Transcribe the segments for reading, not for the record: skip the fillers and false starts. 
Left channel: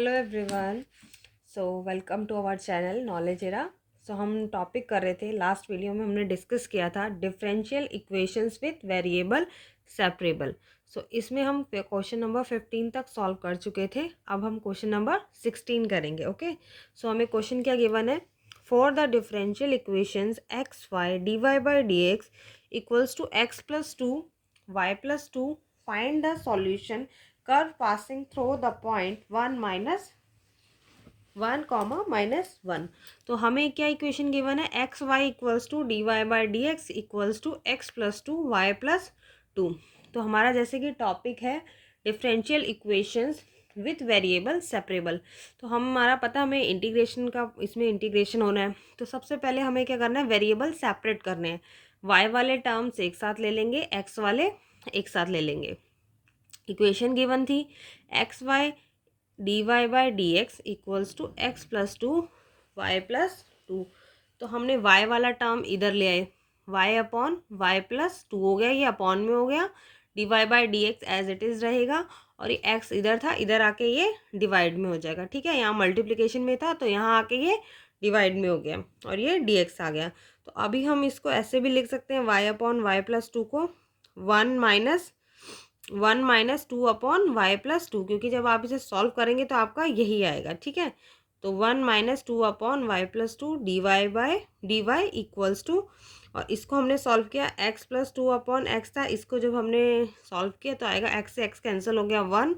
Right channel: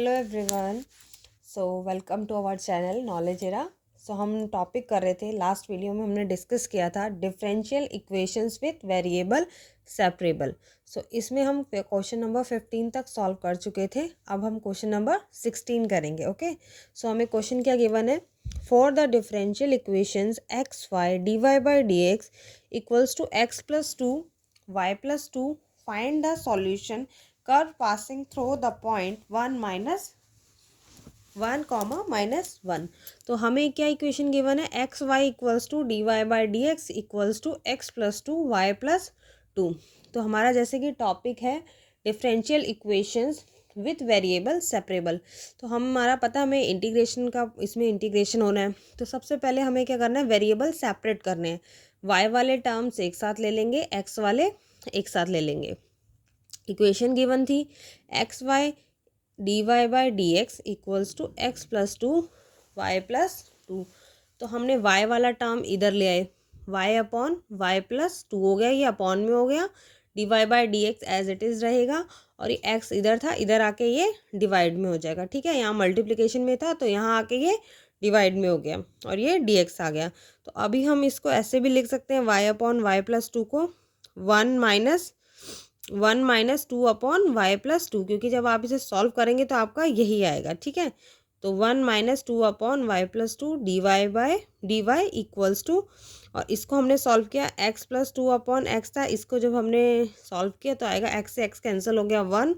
Hello everyone. So welcome to our channel knowledge era. So हम topic कर रहे थे, लास्ट वीडियो में हमने डिस्कस किया था differential equations with variable separable. So इसमें हम क्वेश्चन नंबर 15 तक सॉल्व कर चुके थे। अब हम क्वेश्चन नंबर 16 करेंगे। ओके, सो हमें क्वेश्चन क्या गिवन है, for the differential equations x y d y by d x equals to x plus two y plus two, find the solution curve passing through the point 1 minus 1 comma minus 1। तो हमें क्या equation given है, x y equals to d y by d x equals to x plus two y plus two. तो हमारा जैसे कि topic है differential equations with variable separable. तो हमारा पता हमें इंटीग्रेशन का, इसमें इंटीग्रेशन होना है। तो सबसे पहले हमें क्या करना है, वेरिएबल सेपरेट करने हैं। वाई वाले टर्म्स एक साथ ले लेंगे, एक्स वाले एक साथ ले लेंगे। इक्वेशन गिवन थी x y d y by d x equals to x plus two y plus two. तो हमने वाई वाला टर्म इधर ले आए, y upon y plus two हो गया, ये अपॉन में हो गया। D y by d x as it is रहेगा, और ये एक्स इधर था, इधर आके ये डिवाइड में हो जाएगा। ठीक है, यहाँ मल्टीप्लिकेशन में था तो यहाँ आके ये डिवाइड में हो गया और ये डी एक्स आ गया। तो अभी हम इसको ऐसे भी लिख सकते हैं, y upon y plus two को one minus two upon y plus two, क्योंकि जब आप इसे सॉल्व करेंगे तो आपका यही आएगा। ठीक है, तो 1 minus two upon y plus two d y by d y equals to, और इसको हमने सॉल्व किया x plus two upon x था, इसको जब हमने सॉल्व किया तो आएगा एक्स से एक्स कैंसिल हो गया, 1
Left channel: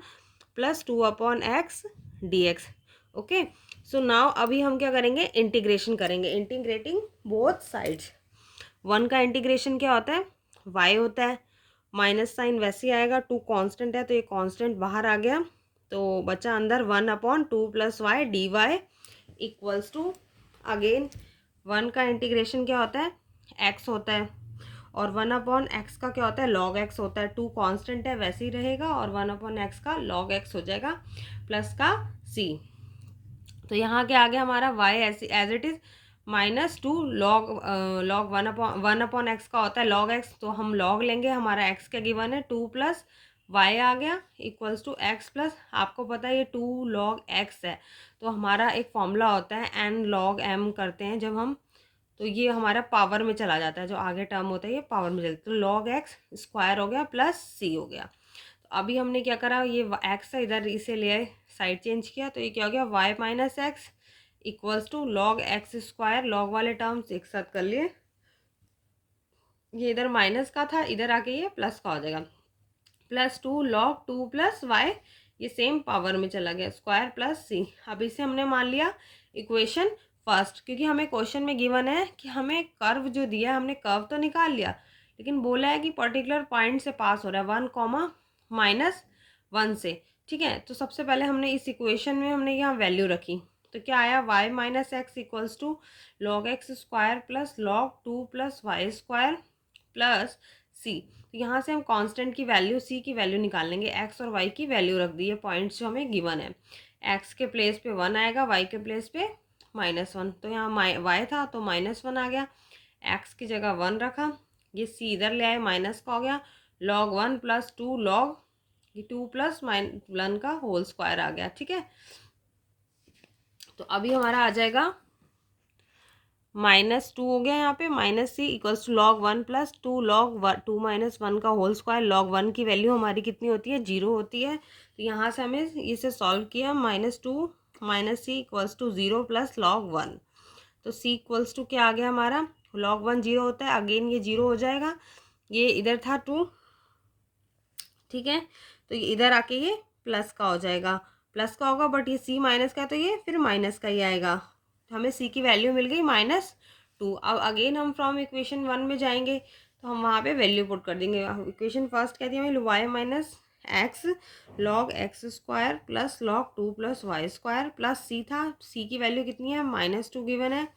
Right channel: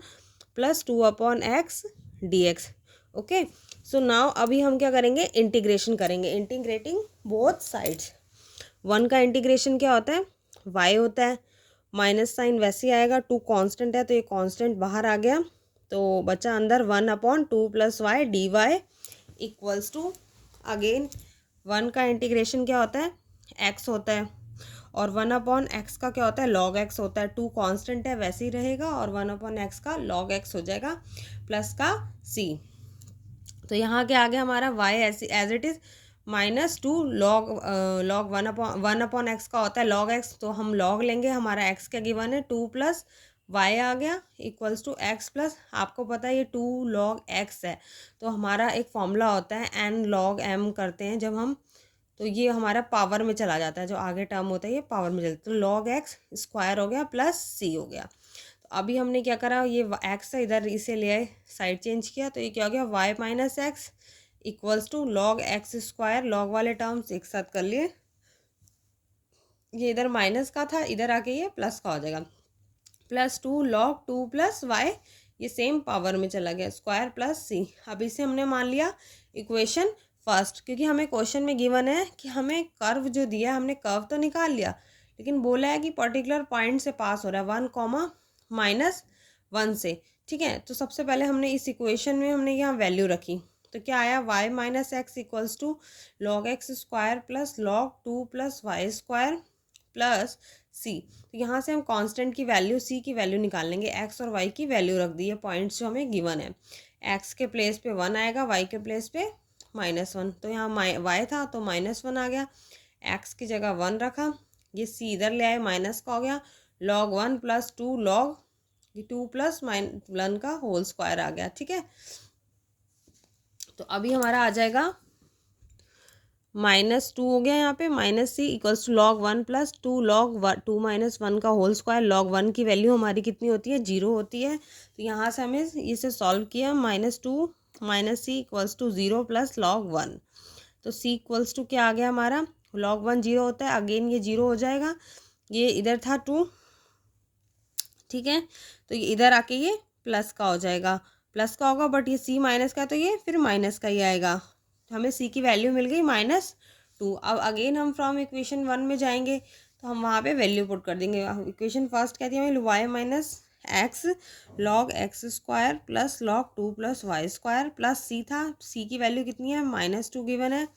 plus two upon x d x. Okay, so now अभी हम क्या करेंगे, इंटीग्रेशन करेंगे, इंटीग्रेटिंग बोथ साइड्स। 1 का इंटीग्रेशन क्या होता है, वाई होता है, माइनस साइन वैसे ही आएगा, 2 कांस्टेंट है तो ये कांस्टेंट बाहर आ गया, तो बचा अंदर 1 upon two plus y d y equals to, again 1 का इंटीग्रेशन क्या होता है, एक्स होता है, और 1 अपॉन एक्स का क्या होता है, लॉग एक्स होता है। 2 कांस्टेंट है वैसे ही रहेगा, और 1 अपॉन एक्स का लॉग एक्स हो जाएगा, प्लस का सी। तो यहाँ क्या आ गया हमारा, y as it is minus two log log one upon x का होता है लॉग एक्स, तो हम लॉग लेंगे, हमारा एक्स क्या गिवन है 2 प्लस वाई आ गया इक्वल्स टू एक्स प्लस, आपको पता है ये 2 लॉग एक्स है, तो हमारा एक फॉर्मूला होता है एन लॉग एम करते हैं जब हम, तो ये हमारा पावर में चला जाता है, जो आगे टर्म होता है ये पावर में चलता है, तो लॉग एक्स स्क्वायर हो गया प्लस सी हो गया। तो अभी हमने क्या करा, ये एक्स है इधर इसे ले आए, साइड चेंज किया, तो ये क्या हो गया, y minus x equals to log x square, log वाले टर्म्स एक साथ कर लिए, ये इधर माइनस का था, इधर आके ये प्लस का हो जाएगा, plus two log two plus y, ये सेम पावर में चला गया, स्क्वायर प्लस सी। अब इसे हमने मान लिया इक्वेशन फर्स्ट, क्योंकि हमें क्वेश्चन में गिवन है कि हमें कर्व जो दिया है, हमने कर्व तो निकाल लिया, लेकिन बोला है कि पर्टिकुलर पॉइंट से पास हो रहा है 1 कॉमा माइनस 1 से। ठीक है, तो सबसे पहले हमने इस इक्वेशन में हमने यहाँ वैल्यू रखी, तो क्या आया, y minus x equals to log x square plus log two plus Y square plus c. तो यहाँ से हम कांस्टेंट की वैल्यू, सी की वैल्यू निकाल लेंगे, एक्स और वाई की वैल्यू रख दी है, पॉइंट्स जो हमें गिवन है, एक्स के प्लेस पे 1 आएगा, वाई के प्लेस पे -1, तो यहाँ वाई था तो -1 आ गया, एक्स की जगह 1 रखा, ये सी इधर ले आए, माइनस का हो गया, log 1 plus two log 2 plus -1 का होल स्क्वायर आ गया। ठीक है, तो अभी हमारा आ जाएगा -2 हो गया, यहाँ पे minus c equals to log 1 plus two log 2 minus 1 का होल स्क्वायर, लॉग 1 की वैल्यू हमारी कितनी होती है, 0 होती है, तो यहाँ से हमें इसे सॉल्व किया, -2 minus c equals to 0 plus log 1, तो सी इक्वल्स टू क्या आ गया हमारा, लॉग 1 0 होता है, अगेन ये 0 हो जाएगा, ये इधर था 2। ठीक है, तो ये इधर आके ये प्लस का हो जाएगा, प्लस का होगा, बट ये सी माइनस का, तो ये फिर माइनस का ही आएगा, तो हमें सी की वैल्यू मिल गई -2। अब अगेन हम फ्रॉम इक्वेशन 1 में जाएंगे, तो हम वहाँ पे वैल्यू पुट कर देंगे। इक्वेशन फर्स्ट कहती है हमें Y minus X log x square plus log 2 plus Y square plus C था, सी की वैल्यू कितनी है, -2 गिवन है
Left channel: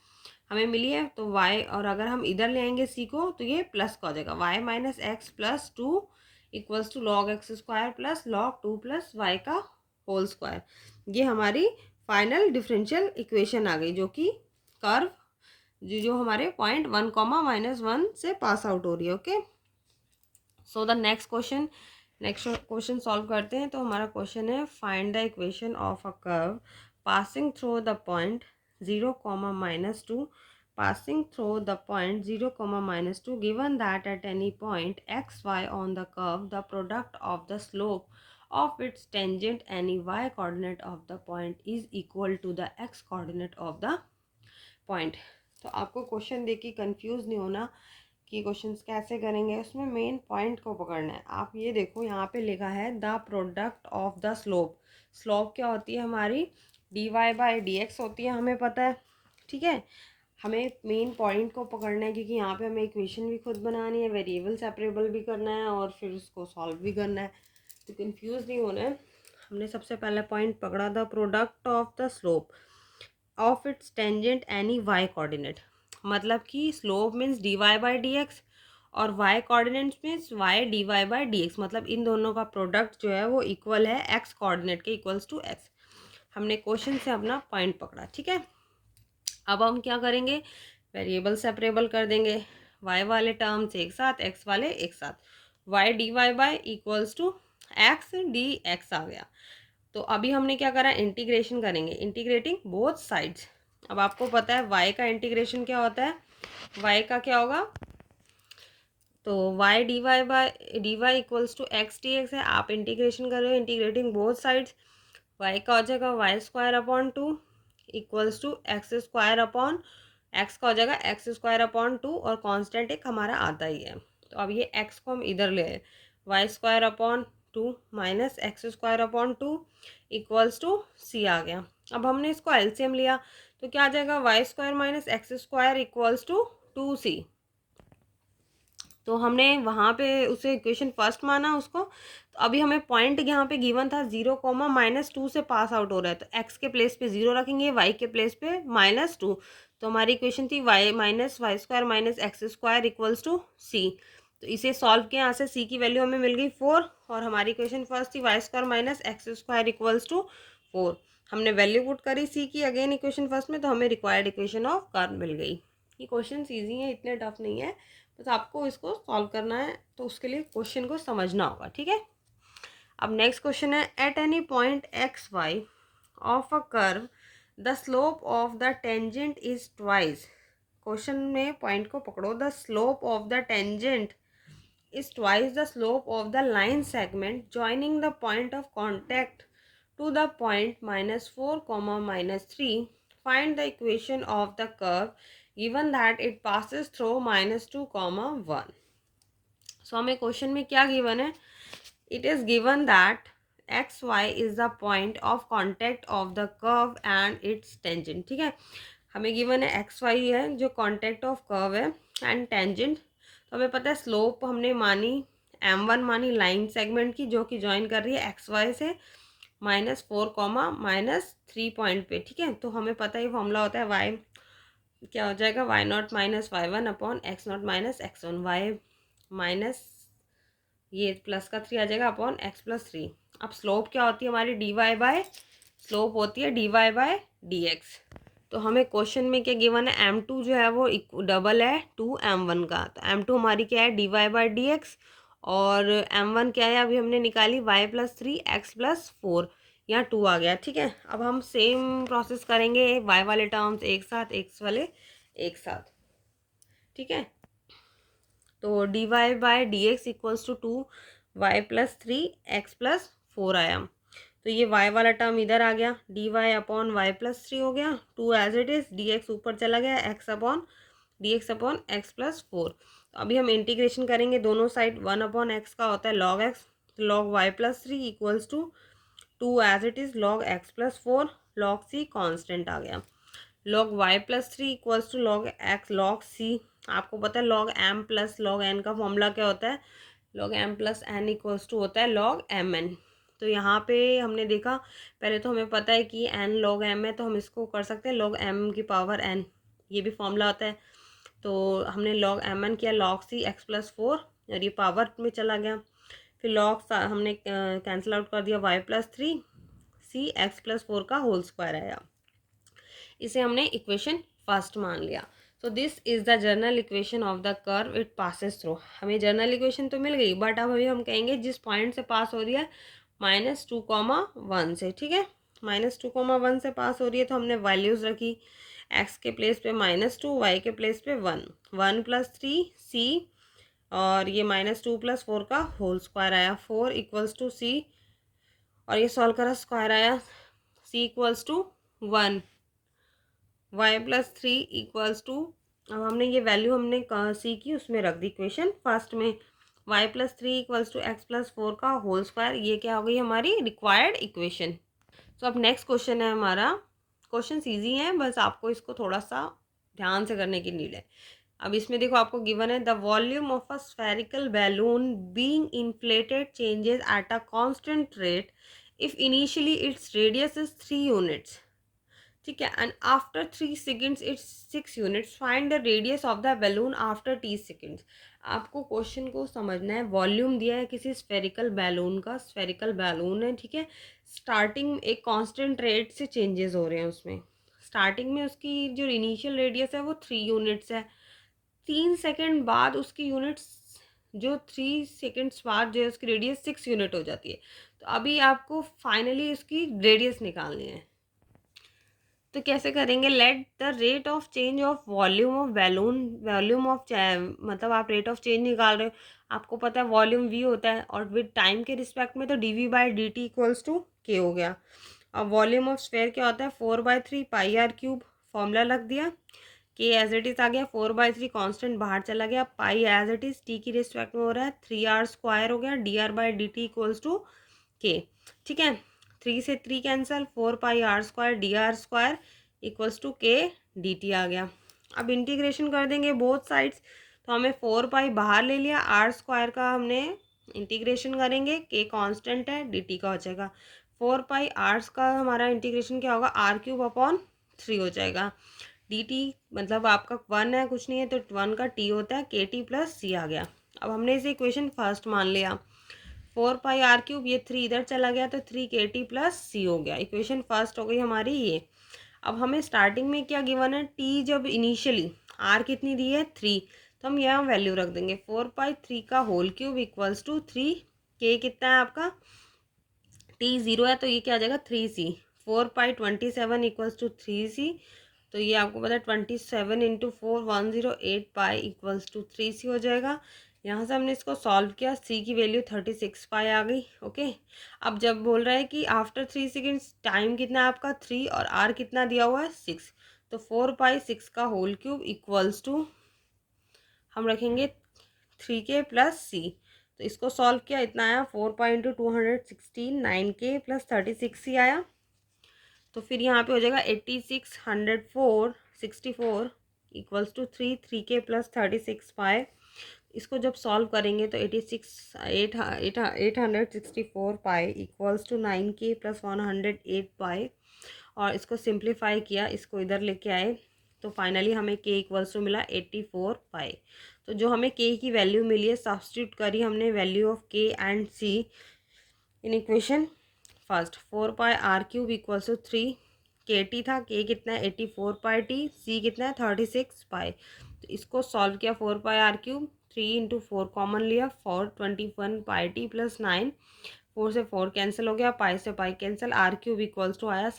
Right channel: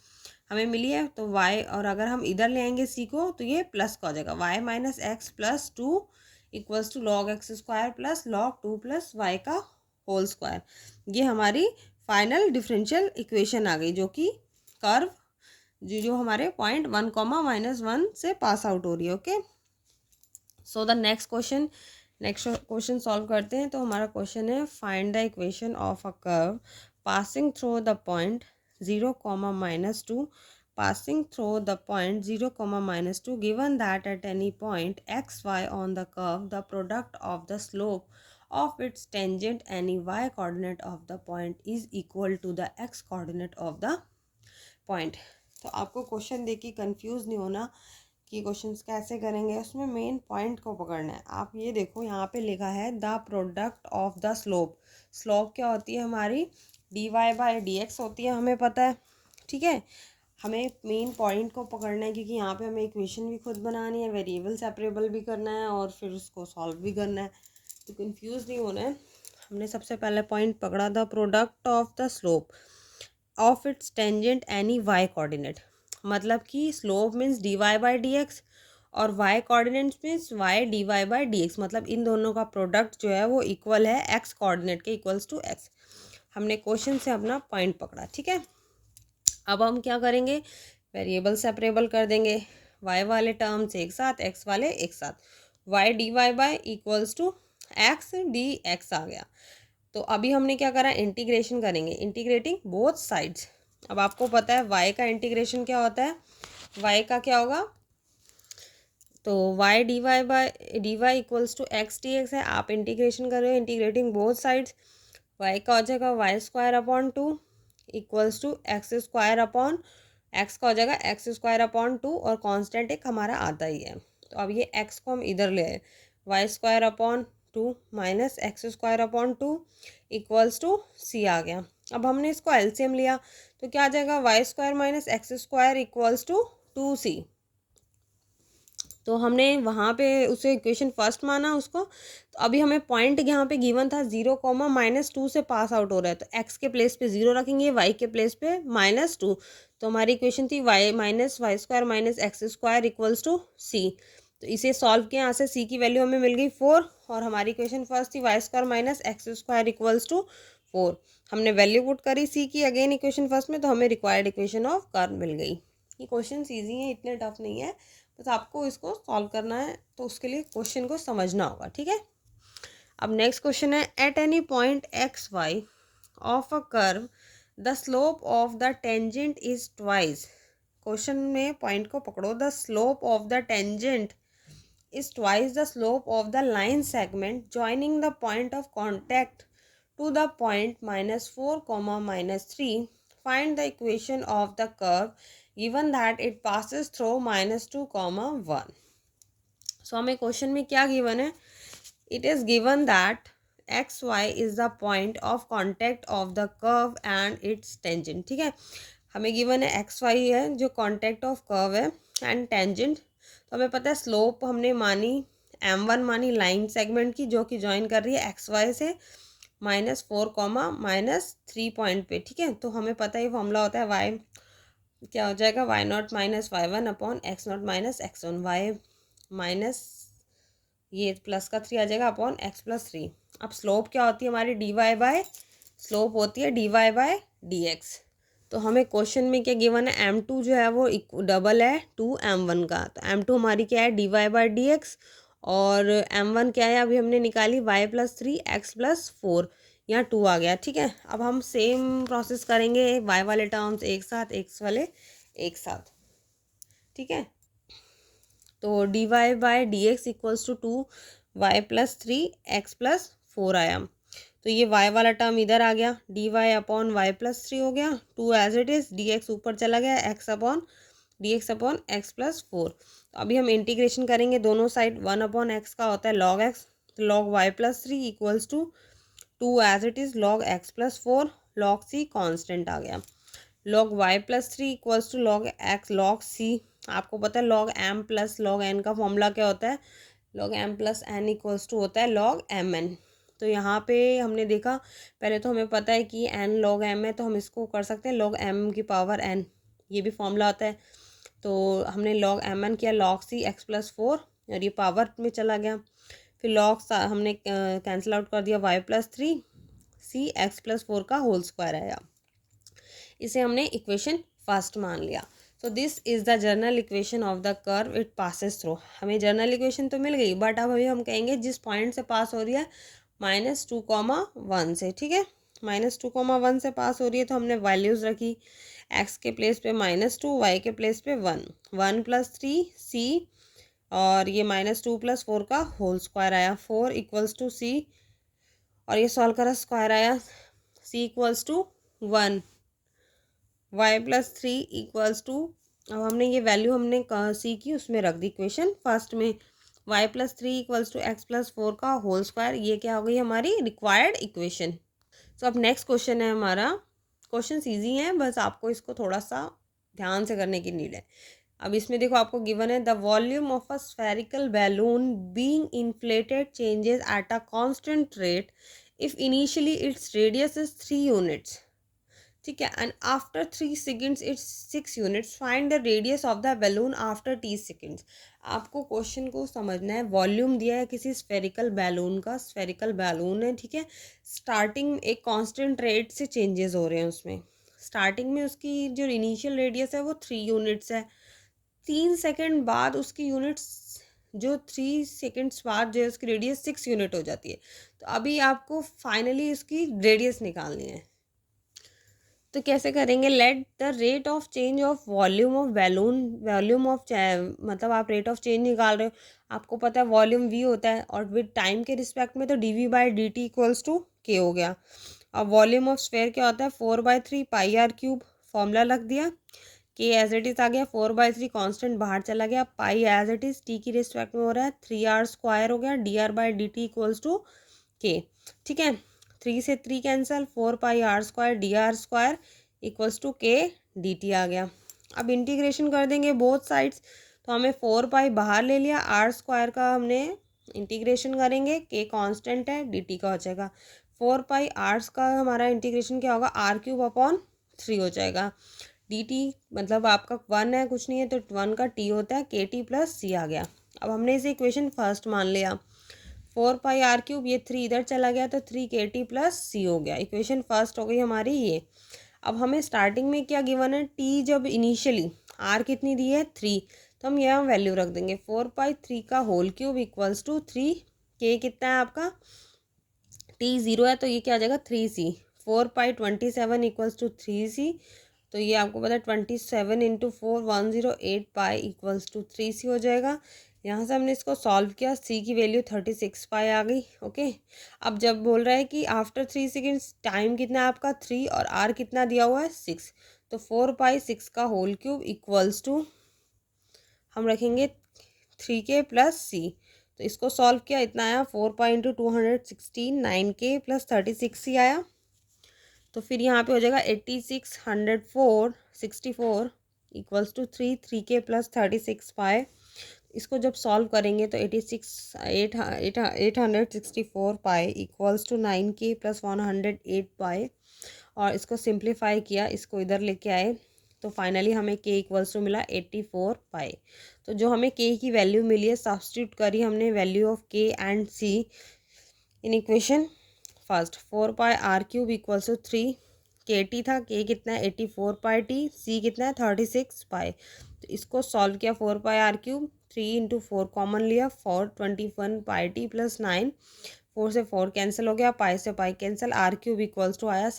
हमें मिली है, तो y, और अगर हम इधर ले आएंगे c को तो ये प्लस का हो जाएगा, y minus x plus two equals to log x square plus log 2 plus y का होल स्क्वायर। ये हमारी फाइनल डिफरेंशियल इक्वेशन आ गई, जो कि कर्व जो हमारे पॉइंट 1 कॉमा -1 से पास आउट हो रही है। Okay, so the next question next question solve करते हैं। तो हमारा क्वेश्चन है find the equation of a curve passing through the point 0, -2 passing through the point 0, -2 given that at any point x y on the curve the product of the slope of its tangent any y coordinate of the point is equal to the x coordinate of the point। तो आपको question देख के confuse नहीं होना कि questions कैसे करेंगे, उसमें मेन पॉइंट को पकड़ना है। आप ये देखो यहाँ पे लिखा है the product of the slope. Slope क्या होती है हमारी, dy बाई डी एक्स होती है, हमें पता है। ठीक है, हमें मेन पॉइंट को पकड़ना है क्योंकि यहाँ पे हमें इक्वेशन भी खुद बनानी है, वेरिएबल सेपरेबल भी करना है और फिर उसको सॉल्व भी करना है। तो कंफ्यूज नहीं होना है। हमने सबसे पहले पॉइंट पकड़ा the product of the slope of its tangent any y coordinate, मतलब कि slope means d y by d x और y coordinates means y d y by d x, मतलब इन दोनों का प्रोडक्ट जो है वो इक्वल है एक्स कोऑर्डिनेट के, इक्वल्स टू एक्स। हमने क्वेश्चन से अपना पॉइंट पकड़ा। ठीक है, अब हम क्या करेंगे, वेरिएबल सेपरेबल कर देंगे, वाई वाले टर्म्स एक साथ, एक्स वाले एक साथ। Y d y by equals to x d x आ गया। तो अभी हमने क्या करा, इंटीग्रेशन करेंगे, इंटीग्रेटिंग बोथ साइड्स। अब आपको पता है y का इंटीग्रेशन क्या होता है, y का क्या होगा, तो y d y equals to x d x है। आप इंटीग्रेशन कर रहे हो, इंटीग्रेटिंग बोथ साइड्स, y का हो जाएगा y square upon 2 equals to x square upon, x का हो जाएगा एक्स स्क्वायर अपॉन 2 और कांस्टेंट एक हमारा आता ही है। तो अब ये x को हम इधर ले आए, y square upon 2 minus x square upon 2 equals to c आ गया। अब हमने इसको एलसीएम लिया तो क्या आ जाएगा, y square minus x square equals to 2c। तो हमने वहाँ पे उसे इक्वेशन फर्स्ट माना उसको। तो अभी हमें पॉइंट यहाँ पे गिवन था 0, -2 से पास आउट हो रहा है, तो x के प्लेस पे 0 रखेंगे, y के प्लेस पे -2। तो हमारी इक्वेशन थी y minus y square minus x square equals to c. तो इसे सॉल्व किया, यहाँ से c की वैल्यू हमें मिल गई 4 और हमारी इक्वेशन फर्स्ट थी y square minus x square equals to 4। हमने वैल्यू पुट करी c की अगेन इक्वेशन फर्स्ट में, तो हमें रिक्वायर्ड इक्वेशन ऑफ कर्व मिल गई। ये क्वेश्चन ईजी है, इतने टफ नहीं है, बस आपको इसको सॉल्व करना है, तो उसके लिए क्वेश्चन को समझना होगा। ठीक है, अब नेक्स्ट क्वेश्चन है at any point x y of a curve the slope of the tangent is twice. Question में पॉइंट को पकड़ो, the slope of the tangent is twice the slope of the line segment joining the point of contact to the point -4, -3. Find the equation of the curve given that it passes through -2, 1। So हमें question में क्या given है, it is given that xy is the point of contact of the curve and its tangent। ठीक है, हमें given है xy है जो कॉन्टेक्ट ऑफ कर्व है एंड टेंजेंट। तो हमें पता है स्लोप हमने मानी m1 मानी लाइन सेगमेंट की जो कि ज्वाइन कर रही है xy से -4, -3 पॉइंट पे। ठीक है, तो हमें पता है फॉर्मूला होता है y क्या हो जाएगा, y naught minus y one upon x naught minus x one, y minus ये प्लस का 3 आ जाएगा अपॉन एक्स प्लस 3। अब स्लोप क्या होती है हमारी, डी वाई बाय, स्लोप होती है d y by d x. तो हमें क्वेश्चन में क्या गिवन है, m2 जो है वो डबल है 2m1 का, तो m2 हमारी क्या है d y by d x और m1 क्या है अभी हमने निकाली y+3 x+4, यहाँ 2 आ गया। ठीक है, अब हम सेम प्रोसेस करेंगे, y वाले टर्म्स एक साथ, x वाले एक साथ। ठीक है, तो d y by d x equals to 2y+3 x+4 आया। तो ये y वाला टर्म इधर आ गया, डी वाई अपॉन y+3 हो गया, 2 as it is, d x ऊपर चला गया, x अपॉन x+4। तो अभी हम इंटीग्रेशन करेंगे दोनों साइड, 1/x का होता है log x, तो log y+3 equals to 2 as it is log x+4, log c constant आ गया, log y+3 equals to log x log c। आपको पता है log m plus log n का फॉर्मूला क्या होता है, log m plus n equals to होता है log mn। तो यहाँ पे हमने देखा, पहले तो हमें पता है कि n log m है, तो हम इसको कर सकते हैं log m की पावर n, ये भी फॉर्मूला होता है। तो हमने log mn किया, log c x+4 और ये पावर में चला गया, फिर log हमने कैंसिल आउट कर दिया, y+3 c x+4 का होल स्क्वायर आया। इसे हमने इक्वेशन फर्स्ट मान लिया। So this is the general equation of the curve it passes through. हमें जनरल इक्वेशन तो मिल गई, बट अब अभी हम कहेंगे जिस पॉइंट से पास हो रही है -2, 1 से, ठीक है। -2, 1 से पास हो रही है तो हमने वैल्यूज रखी, एक्स के प्लेस पे -2, वाई के प्लेस पे 1, 1+3 c, और ये -2+4 का होल स्क्वायर आया, 4 इक्वल्स टू c, और ये सॉल्व करा स्क्वायर आया, c equals to 1, y+3 equals to, अब हमने ये वैल्यू हमने सी की उसमें रख दी इक्वेशन फर्स्ट में, y+3 इक्वल्स टू x+4 का होल स्क्वायर, ये क्या हो गई हमारी रिक्वायर्ड इक्वेशन। तो अब नेक्स्ट क्वेश्चन है हमारा, क्वेश्चन ईजी है, बस आपको इसको थोड़ा सा ध्यान से करने की नीड है। अब इसमें देखो आपको गिवन है, the volume of a spherical balloon being inflated changes at a constant rate if initially its radius is 3 units, ठीक है, and after 3 seconds it's 6 units, find the radius of the balloon after 30 seconds. आपको question को समझना है, volume दिया है किसी spherical balloon का, स्फेरिकल बैलून है, ठीक है, स्टार्टिंग एक कांस्टेंट रेट से चेंजेस हो रहे हैं उसमें, स्टार्टिंग में उसकी जो इनिशियल रेडियस है वो 3 यूनिट्स है, 3 सेकेंड बाद उसकी यूनिट्स, जो 3 सेकेंड्स बाद जो है उसकी रेडियस 6 यूनिट हो जाती है। तो अभी आपको फाइनली उसकी रेडियस निकालनी है, तो कैसे करेंगे, let the rate of change of volume of balloon, volume of मतलब आप रेट ऑफ चेंज निकाल रहे हो, आपको पता है वॉल्यूम v होता है, और विद टाइम के रिस्पेक्ट में तो dv/dt इक्वल्स टू k हो गया। अब वॉल्यूम ऑफ स्फेयर क्या होता है, 4/3 πr3, फॉर्मूला रख दिया, k एज इट इज आ गया, 4/3 कांस्टेंट बाहर चला गया, पाई एज इट इज t की रिस्पेक्ट में हो रहा है, 3r² हो गया, dr/dt इक्वल्स टू k, ठीक है, 3 से 3 cancel, 4πr² dr² equals to k dt आ गया। अब इंटीग्रेशन कर देंगे बोथ साइड्स, तो हमें 4π बाहर ले लिया, r² का हमने इंटीग्रेशन करेंगे, k कांस्टेंट है, dt का हो जाएगा, 4πr का हमारा इंटीग्रेशन क्या होगा, r³ हो जाएगा, dt मतलब आपका 1 है, कुछ नहीं है, तो 1 का t होता है, kt+c आ गया। अब हमने इसे इक्वेशन फर्स्ट मान लिया, 4πr3, ये 3 इधर चला गया तो 3kt+c हो गया, इक्वेशन फर्स्ट हो गई हमारी ये। अब हमें स्टार्टिंग में क्या गिवन है, t जब इनिशियली r कितनी दी है 3, तो हम यहाँ वैल्यू रख देंगे, 4π3 का whole cube equals to 3, k कितना है आपका, t 0 है तो ये क्या आ जाएगा 3c, 4π27 इक्वल्स टू 3c, तो ये आपको पता है 27 into 4 108 pi equals to 3c हो जाएगा। यहाँ से हमने इसको सॉल्व किया, c की वैल्यू 36 पाई आ गई, ओके। अब जब बोल रहा है कि आफ्टर 3 सेकेंड्स टाइम कितना है आपका 3, और r कितना दिया हुआ है 6, तो 4π6 का होल क्यूब इक्वल्स टू हम रखेंगे 3k+c, तो इसको सॉल्व किया, इतना आया 4π×216 9k+36c आया, तो फिर यहाँ पे हो जाएगा 86 104 64 इक्वल्स टू 3k+36 पाए। इसको जब सॉल्व करेंगे तो 864 पाए इक्वल्स टू 9k+108 पाए, और इसको सिंप्लीफाई किया, इसको इधर लेके आए, तो फाइनली हमें k इक्वल्स टू मिला 84 पाए। तो जो हमें k की वैल्यू मिली है, सब्स्टिट्यूट करी हमने value of k and c in equation first, 4πr³ equals to 3, kt था, k कितना है 84πt, c कितना है 36 पाई, तो इसको सॉल्व किया, 4πr³, 3 इंटू 4 कॉमन लिया, 421 πt + 9, 4 से 4 कैंसिल हो गया, पाई से pi cancel, r³ equals to आया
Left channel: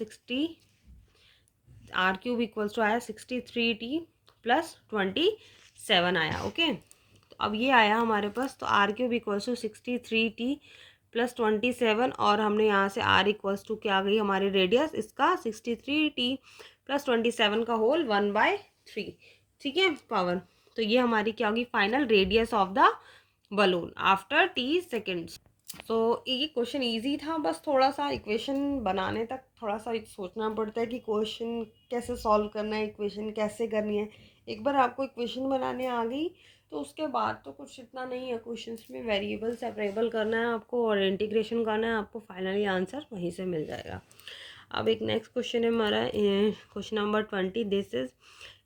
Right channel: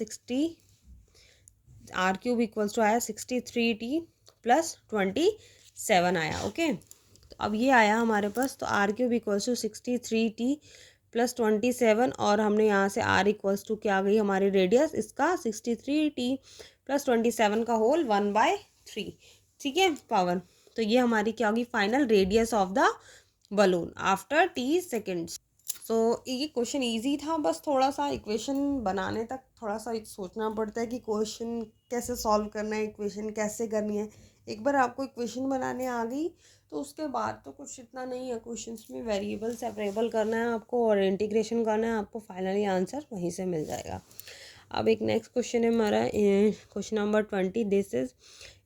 63t + 27 आया, ओके। तो अब ये आया हमारे पास, तो r³ इक्वल्स टू 63t + 27, और हमने यहाँ से r इक्वल्स टू क्या आ गई हमारी रेडियस इसका 63t + 27 का होल 1/3, ठीक है, पावर। तो ये हमारी क्या होगी final radius of the balloon after t seconds. तो ये क्वेश्चन इजी था, बस थोड़ा सा इक्वेशन बनाने तक थोड़ा सा सोचना पड़ता है कि क्वेश्चन कैसे सॉल्व करना है, इक्वेशन कैसे करनी है। एक बार आपको इक्वेशन बनाने आ गई तो उसके बाद तो कुछ इतना नहीं है, क्वेश्चंस में वेरिएबल सेपरेबल करना है आपको और इंटीग्रेशन करना है, आपको फाइनली आंसर वहीं से मिल जाएगा। अब एक नेक्स्ट क्वेश्चन है हमारा, question number 20, this is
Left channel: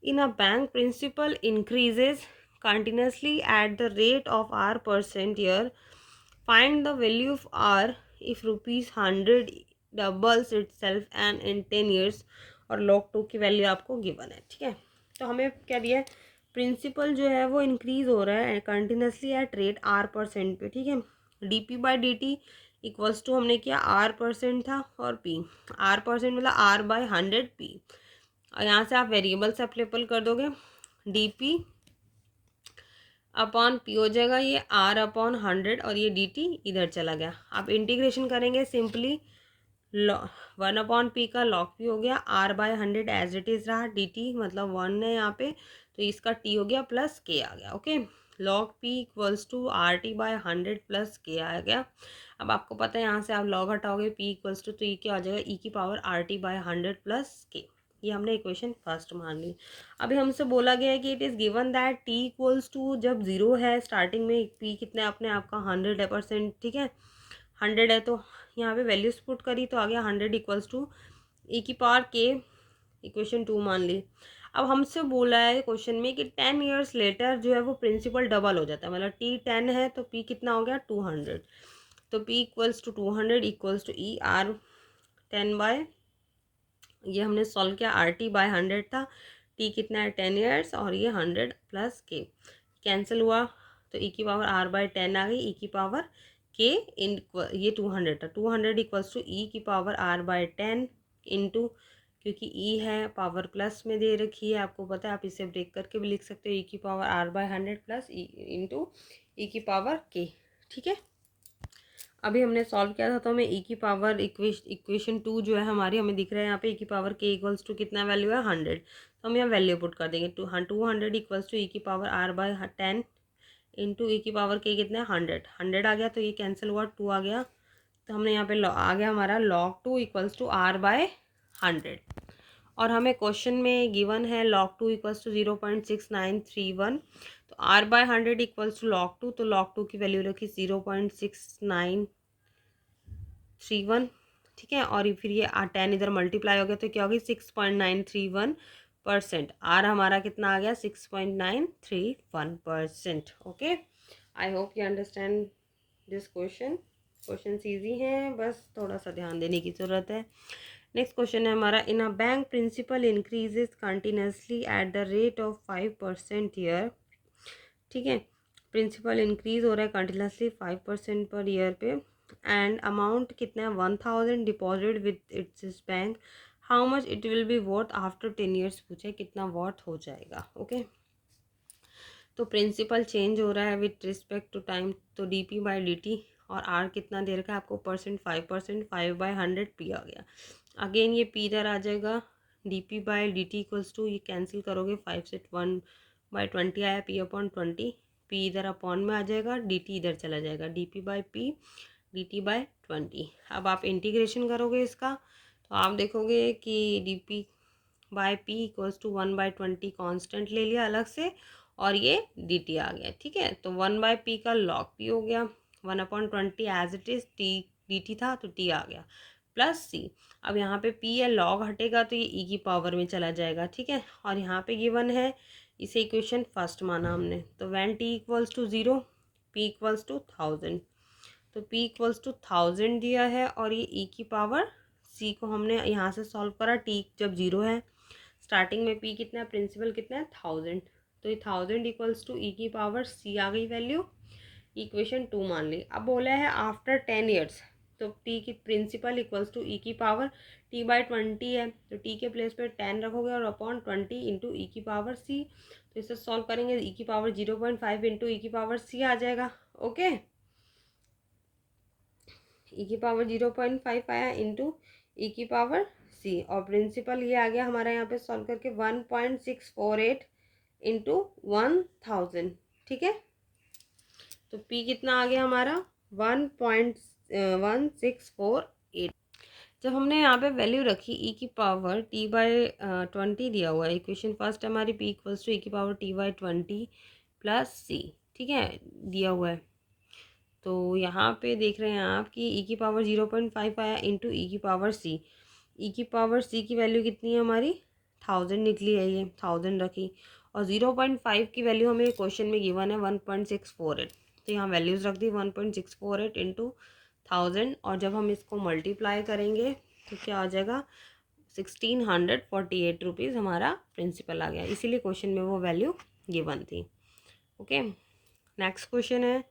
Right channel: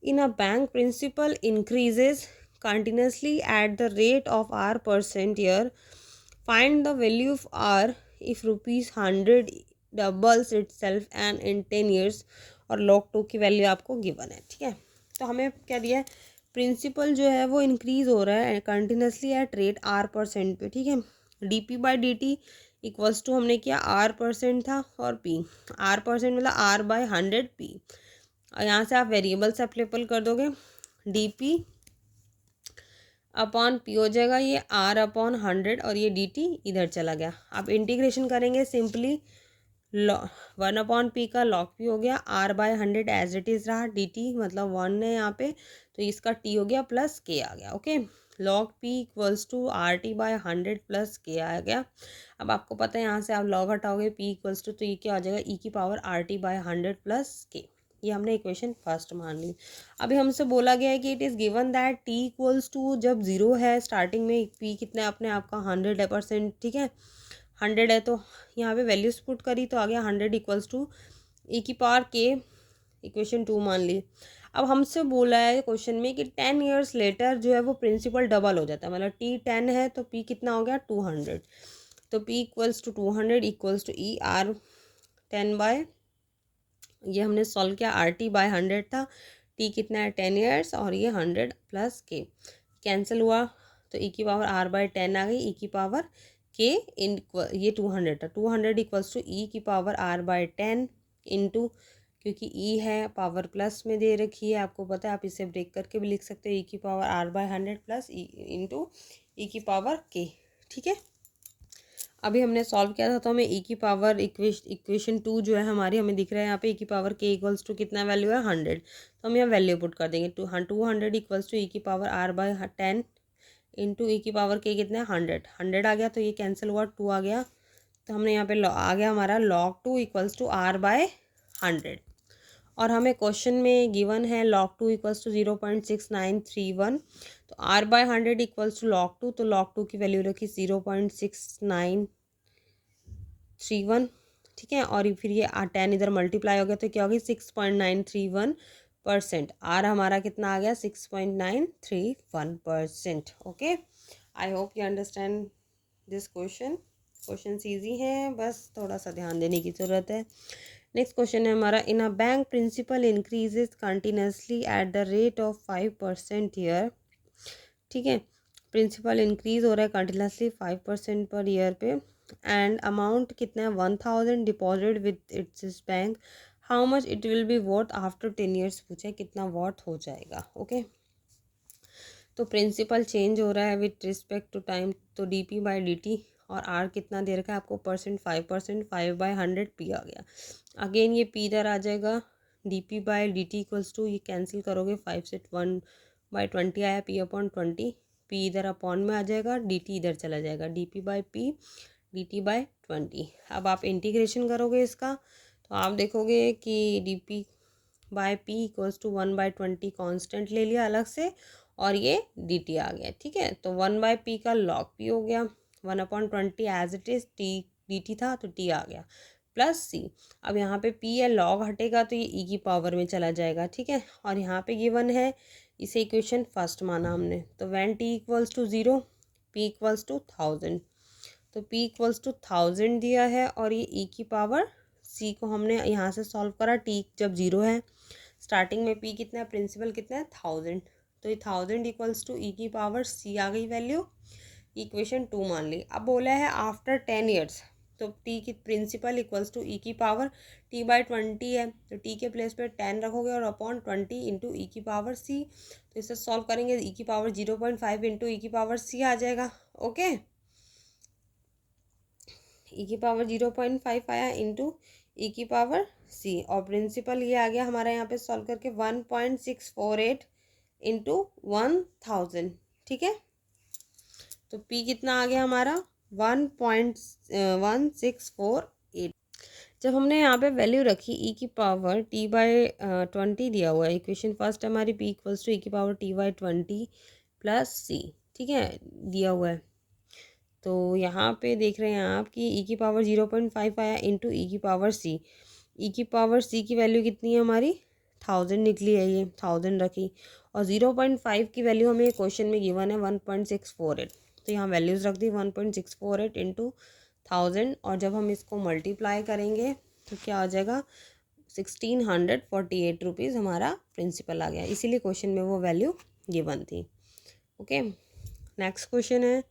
in a bank principal increases continuously at the rate of r% year, find the value of r if ₹100 doubles itself and in 10 years, और log 2 की value आपको given है, ठीक है। तो हमें क्या दिया है, प्रिंसिपल जो है वो इंक्रीज हो रहा है कंटिन्यूसली एट रेट R% पे, ठीक है। dp/dt इक्वल्स टू हमने किया R% था और p, R% मतलब R/100 p। और यहाँ से आप वेरिएबल्स अप्लीपल कर दोगे, dp अपॉन p हो जाएगा ये R/100 और ये dt इधर चला गया। आप इंटीग्रेशन करेंगे सिंपली, 1/p का log p हो गया, R/100 एज इट इज़ रहा, dt मतलब 1 है यहाँ पे, तो इसका t हो गया प्लस k आ गया। Okay, log p equals to RT/100 plus k आ गया। अब आपको पता है यहाँ से आप log हटाओगे p इक्वल्स टू, तो ये क्या हो जाएगा, e की पावर RT/100 प्लस k। ये हमने इक्वेशन फर्स्ट मान ली। अभी हमसे बोला गया है कि it is given that t equals to, जब जीरो है स्टार्टिंग में, p कितना है अपने आपका 100%, ठीक है, 100 है, तो यहाँ पे वैल्यूज पुट करी तो आ गया 100 इक्वल्स टू e की पावर k, इक्वेशन 2 मान ली। अब हमसे बोला है क्वेश्चन में कि 10 ईयर्स लेटर जो है वो प्रिंसिपल डबल हो जाता है, मतलब t 10 है तो p कितना हो गया 200, तो p equals to 200 equals to e r 10 by, ये हमने सॉल्व किया, RT/100 था, t कितना है 10 ईयर्स और ये 100 प्लस k कैंसिल हुआ, तो e की पावर R/10 आ गई, e की पावर k इन, ये 200 था, 200 इक्वल्स टू e की पावर R/10 इंटू, क्योंकि e है पावर प्लस में दे रखी है, आपको पता है, आप इसे ब्रेक करके भी लिख सकते हो, e की power R/100 plus e into e की पावर k, ठीक है। अभी हमने सॉल्व किया था तो हमें e की पावर इक्वेशन 2 जो है हमारी, हमें दिख रहा है यहाँ पे e की पावर k इक्वल्स टू कितना वैल्यू है 100, तो हम यहाँ वैल्यू पुट कर देंगे, 200 इक्वल्स टू e की पावर R/10 इंटू e की पावर k कितना है 100 आ गया, तो ये कैंसिल हुआ, 2 आ गया, तो हमने यहाँ पे आ गया हमारा log 2 इक्वल्स टू R/100। और हमें क्वेश्चन में गिवन है log 2 इक्वल्स टू 0.6931, तो R/100 इक्वल्स टू log 2, तो log 2 की वैल्यू रखी 0.6931, ठीक है, और फिर ये 10 इधर मल्टीप्लाई हो गया तो क्या होगी 6.931%, आर हमारा कितना आ गया 6.931%। Okay, I hope you understand this question. Question easy हैं, बस थोड़ा सा ध्यान देने की ज़रूरत है। नेक्स्ट क्वेश्चन है हमारा, in a bank principal increases continuously at the rate of 5% year, ठीक है, प्रिंसिपल इंक्रीज हो रहा है कंटिन्यूसली 5% पर ईयर पे, एंड अमाउंट कितना है 1000 deposit with its bank, how much it will be worth after 10 years, पूछा है कितना वर्थ हो जाएगा। ओके, तो प्रिंसिपल चेंज हो रहा है विद रिस्पेक्ट टू टाइम, तो dp/dt और r कितना दे रखा है आपको, परसेंट 5%, 5/100 p आ गया। अगेन ये p इधर आ जाएगा, dp/dt इक्वल्स टू, ये कैंसिल करोगे 5 से 1/20 आया, p/20, p इधर अपॉन में आ जाएगा, dt इधर चला जाएगा, dp/p dt/20। अब आप इंटीग्रेशन करोगे इसका तो आप देखोगे कि dp/p इक्वल्स टू 1/20 कॉन्स्टेंट ले लिया अलग से, और ये dt आ गया, ठीक है, तो 1/p का log p हो गया, 1/20 as it is, t dt था तो t आ गया प्लस c। अब यहाँ पे p या log हटेगा तो ये e की पावर में चला जाएगा, ठीक है, और यहाँ पे गिवन है, इसे इक्वेशन फर्स्ट माना हमने, तो when t equals to 0 p equals to 1000, तो p इक्वल्स टू 1000 दिया है, और ये e की पावर c को हमने यहाँ से सॉल्व करा, t जब 0 है, स्टार्टिंग में p कितना है, प्रिंसिपल कितना है 1000, तो ये 1000 इक्वल्स टू e की पावर c आ गई वैल्यू, इक्वेशन 2 मान ली। अब बोला है आफ्टर 10 ईयर्स, तो t की प्रिंसिपल इक्वल्स टू e की पावर t/20 है, तो t के प्लेस पे 10 रखोगे और अपॉन 20 इंटू e की पावर c, तो इसे सॉल्व करेंगे e की पावर 0.5 इंटू e की पावर c आ जाएगा। ओके, e की पावर 0.5 आया इंटू e की पावर c, और प्रिंसिपल ये आ गया हमारा यहाँ पे सॉल्व करके 1.648 इंटू 1000, ठीक है, तो p कितना आ गया हमारा 1.1648। जब हमने यहाँ पे वैल्यू रखी e की पावर t/20 दिया हुआ है, इक्वेशन फर्स्ट हमारी p इक्वल्स टू e की पावर t/20 प्लस c, ठीक है, दिया हुआ है, तो यहाँ पे देख रहे हैं आप कि e की पावर 0.5 आया इंटू e की पावर c, e की पावर c की वैल्यू कितनी है हमारी 1000 निकली है, ये 1000 रखी, और 0.5 की वैल्यू हमें क्वेश्चन में गिवन है 1.648, तो यहाँ वैल्यूज़ रख दी 1.648 इंटू 1000, और जब हम इसको मल्टीप्लाई करेंगे तो क्या हो जाएगा 1648 रुपीज़ हमारा प्रिंसिपल आ गया, इसीलिए क्वेश्चन में वो वैल्यू गिवन थी। ओके, नेक्स्ट क्वेश्चन है,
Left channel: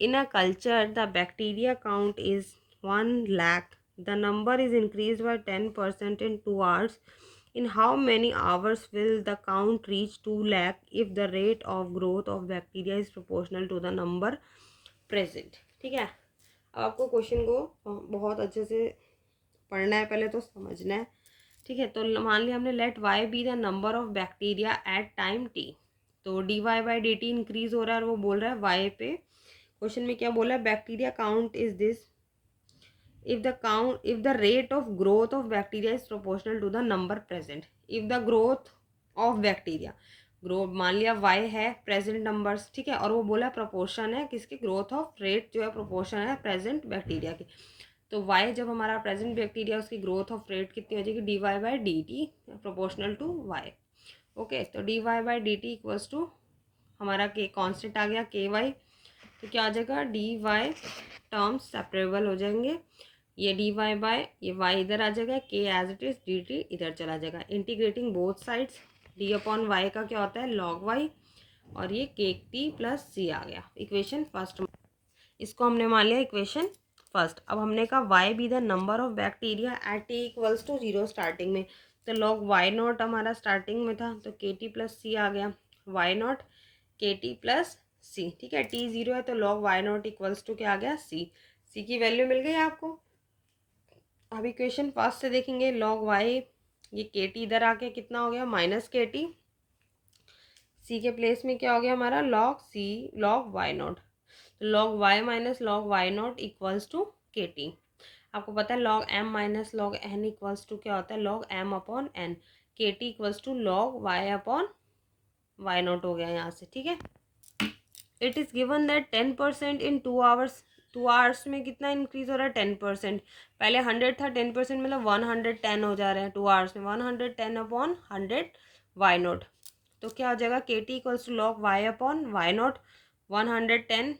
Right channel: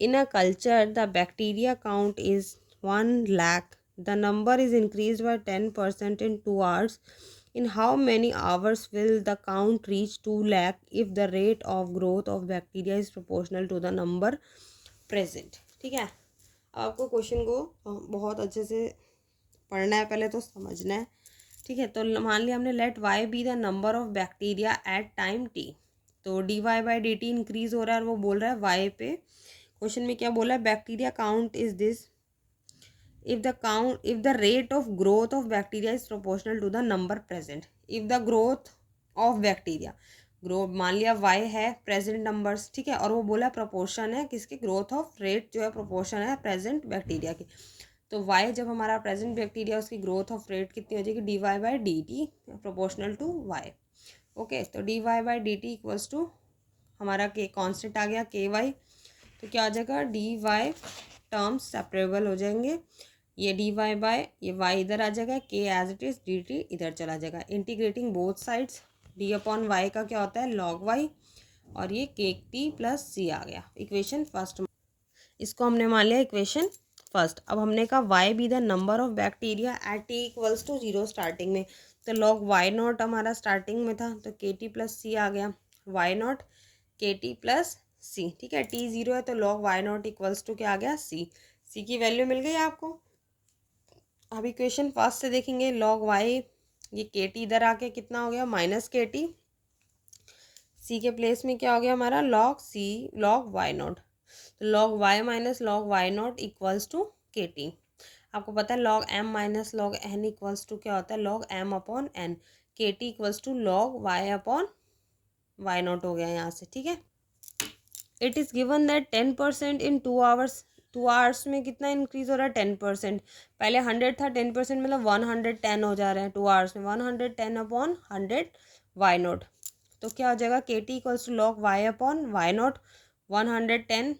in a culture the bacteria count is 1 lakh, the number is increase by 10% in 2 hours. In how many hours will the count reach 2 lakh if the rate of growth of bacteria is proportional to the number present? ठीक है, आपको question को बहुत अच्छे से पढ़ना है, पहले तो समझना है। ठीक है, तो मान लिया हमने let y be the number of bacteria at time t, तो d y by d t increase हो रहा है और वो बोल रहा है वाई पे। क्वेश्चन में क्या बोला है, bacteria count is this if the rate of growth of bacteria is proportional to the number present, if the growth of bacteria, grow मान लिया y है प्रेजेंट नंबर्स, ठीक है, और वो बोला प्रोपोर्शन है किसके, ग्रोथ ऑफ रेट जो है प्रोपोर्शन है प्रेजेंट बैक्टीरिया की। तो y जब हमारा प्रेजेंट बैक्टीरिया उसकी ग्रोथ ऑफ रेट कितनी हो जाएगी, d y by d t proportional to y. Okay, तो d y by d t equals to हमारा के कॉन्स्टेंट आ गया के वाई, तो क्या आ जाएगा, डी वाई टर्म्स सेपरेबल हो जाएंगे, ये डी वाई बाय ये वाई इधर आ जाएगा, k as it is d t इधर चला जाएगा, integrating both sides, d upon y का क्या होता है लॉग वाई, और ये के टी प्लस सी आ गया इक्वेशन फर्स्ट, इसको हमने मान लिया इक्वेशन फर्स्ट। अब हमने कहा y be the number of bacteria at t equals to 0 starting में, तो लॉग वाई नॉट हमारा स्टार्टिंग में था, तो के टी प्लस सी आ गया, y naught k t plus c, ठीक है, टी 0 है तो log y naught equals to क्या आ गया, सी की वैल्यू मिल गई आपको। अब इक्वेशन फर्स्ट से देखेंगे, लॉग वाई ये के टी इधर आके कितना हो गया माइनस के टी, सी के प्लेस में क्या हो गया हमारा log c log y naught, तो log y minus log y naught equals to k t. आपको पता है log m minus log n equals to क्या होता है log m upon n, k t equals to log y upon y naught हो गया यहाँ से, ठीक है। It is given that 10% in 2 hours, 2 hours में कितना इंक्रीज हो रहा है 10%, पहले 100 था 10% मतलब 110 हो जा रहा है 2 आवर्स में, 110 अपॉन 100 वाई नॉट, तो क्या हो जाएगा k t equals to log y upon y naught, 110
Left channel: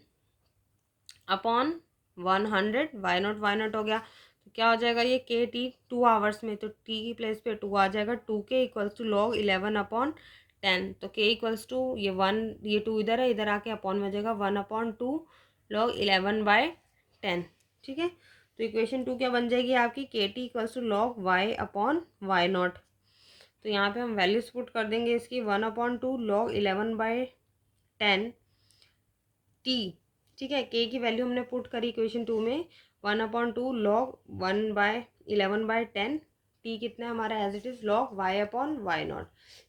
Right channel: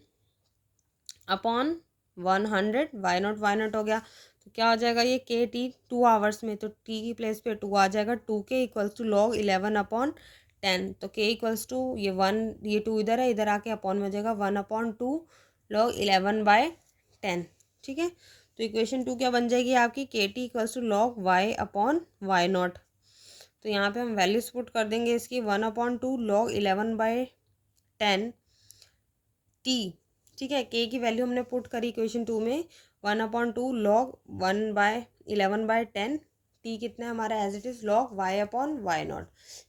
upon 100 y naught हो गया, तो क्या हो जाएगा ये के टी 2 आवर्स में, तो टी की प्लेस पे 2 आ जाएगा, 2 के इक्वल्स टू लॉग 11 अपॉन 10, तो के इक्वल्स टू ये 1 ये 2 इधर है, इधर आके अपॉन में जाएगा 1 अपॉन 2 लॉग 11 बाय 10, ठीक है। तो इक्वेशन 2 क्या बन जाएगी आपकी, k t equals to log y upon y naught, तो यहाँ पे हम वैल्यूज पुट कर देंगे इसकी 1 अपॉन 2 लॉग 11 बाय 10 टी, ठीक है, के की वैल्यू हमने पुट करी इक्वेशन 2 में 1 upon 2 log 1 by 11 by 10, t कितना है हमारा as it is log y upon y naught,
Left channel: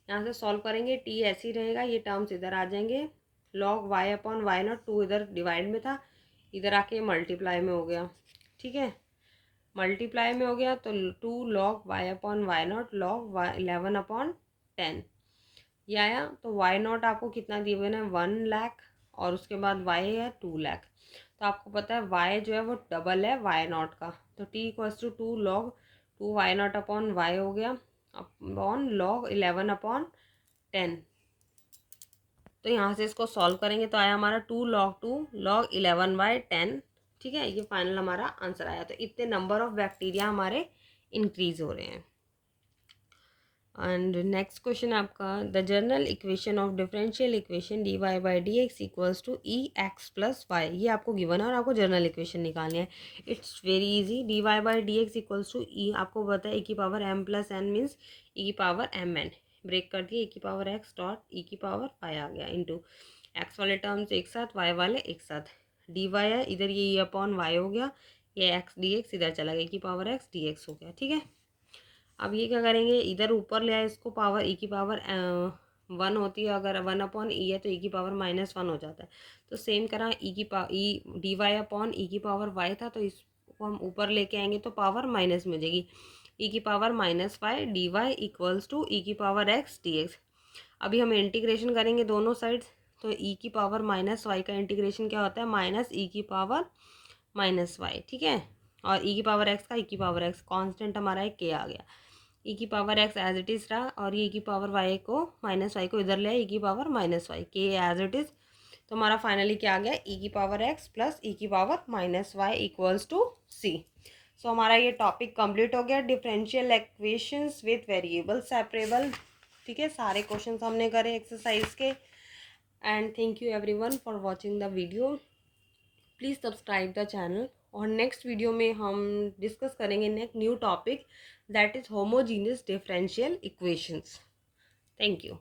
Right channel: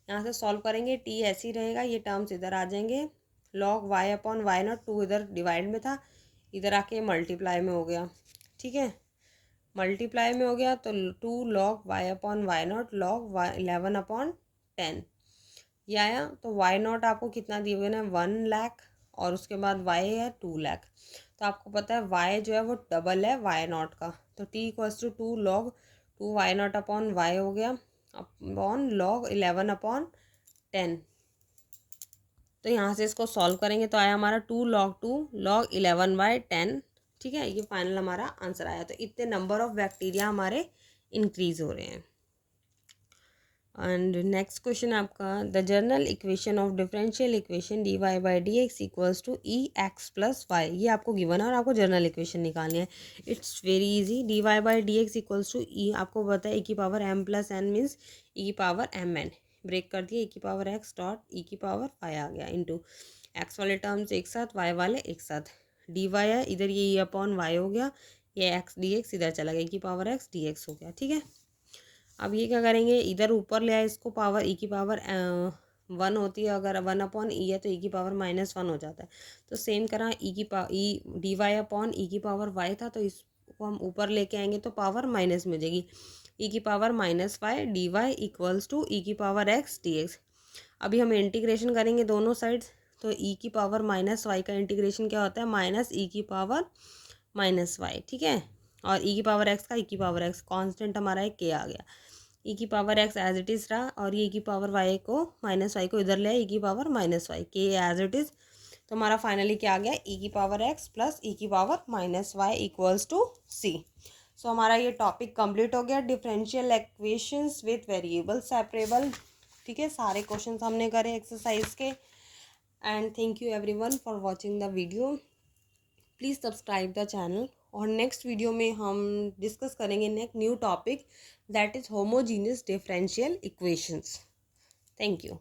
यहाँ से सॉल्व करेंगे टी ऐसे ही रहेगा, ये टर्म्स इधर आ जाएंगे, log y upon y naught 2 इधर डिवाइड में था, इधर आके मल्टीप्लाई में हो गया, ठीक है, मल्टीप्लाई में हो गया, तो 2 log y upon y naught log 11 upon 10 ये आया, तो वाई नॉट आपको कितना दिए हुए ना 1 लाख, और उसके बाद वाई है 2 लाख, तो आपको पता है वाई जो है वो डबल है वाई नॉट का, तो t equals to 2 log 2 y naught upon y हो गया अपॉन लॉग 11 अपॉन 10, तो यहाँ से इसको सॉल्व करेंगे तो आया हमारा 2 लॉग 11 बाय 10, ठीक है, ये फाइनल हमारा आंसर आया, तो इतने नंबर ऑफ बैक्टीरिया हमारे इंक्रीज हो रहे हैं। एंड नेक्स्ट क्वेश्चन आपका, the general equation of differential equation d y by d x equals to e x plus y, ये आपको गिवन है और आपको जनरल इक्वेशन निकालनी है, it's very easy, d y by d x equals to e, आपको पता है ई की power m plus n means e की पावर एम एन, ब्रेक कर दिए ई की पावर एक्स डॉट ई की पावर वाई आ गया इंटू एक्स वाले टर्म्स एक साथ वाई वाले एक साथ, डी वाई है इधर ये ई अपॉन वाई हो गया, ये एक्स डी एक्स इधर चला गया ई की पावर एक्स डी एक्स हो गया, ठीक है। अब ये क्या करेंगे, इधर ऊपर ले आए इसको, पावर ई की पावर 1 होती है, अगर 1 अपॉन ई है तो ई की पावर -1 हो जाता है, तो सेम करा ई की ई डी वाई अपॉन ई की पावर वाई था, तो इसको हम ऊपर लेके आएंगे तो पावर माइनस में हो जाएगी, ई की power -y d y equals to e की पावर एक्स डी एक्स। अभी हम इंटीग्रेशन करेंगे दोनों साइड्स, तो ई की पावर -y का इंटीग्रेशन क्या होता है माइनस ई की पावर -y, ठीक है, और ई की पावर एक्स का ई की पावर एक्स कॉन्स्टेंट हमारा एक के आ गया, ई की power x as it is रहा, और ये ई की पावर वाई को -y को इधर ले आए ई की पावर -y के एज इट इज़, तो हमारा फाइनली क्या आ गया ई की पावर एक्स प्लस ई की पावर -y इक्वल्स टू सी। सो हमारा ये टॉपिक कंप्लीट हो गया, differential equations with variable separable. ठीक है, सारे क्वेश्चंस हमने करे एक्सरसाइज के। And thank you everyone for watching the video. Please subscribe the channel. और नेक्स्ट वीडियो में हम डिस्कस करेंगे next new topic that is homogeneous differential equations. Thank you.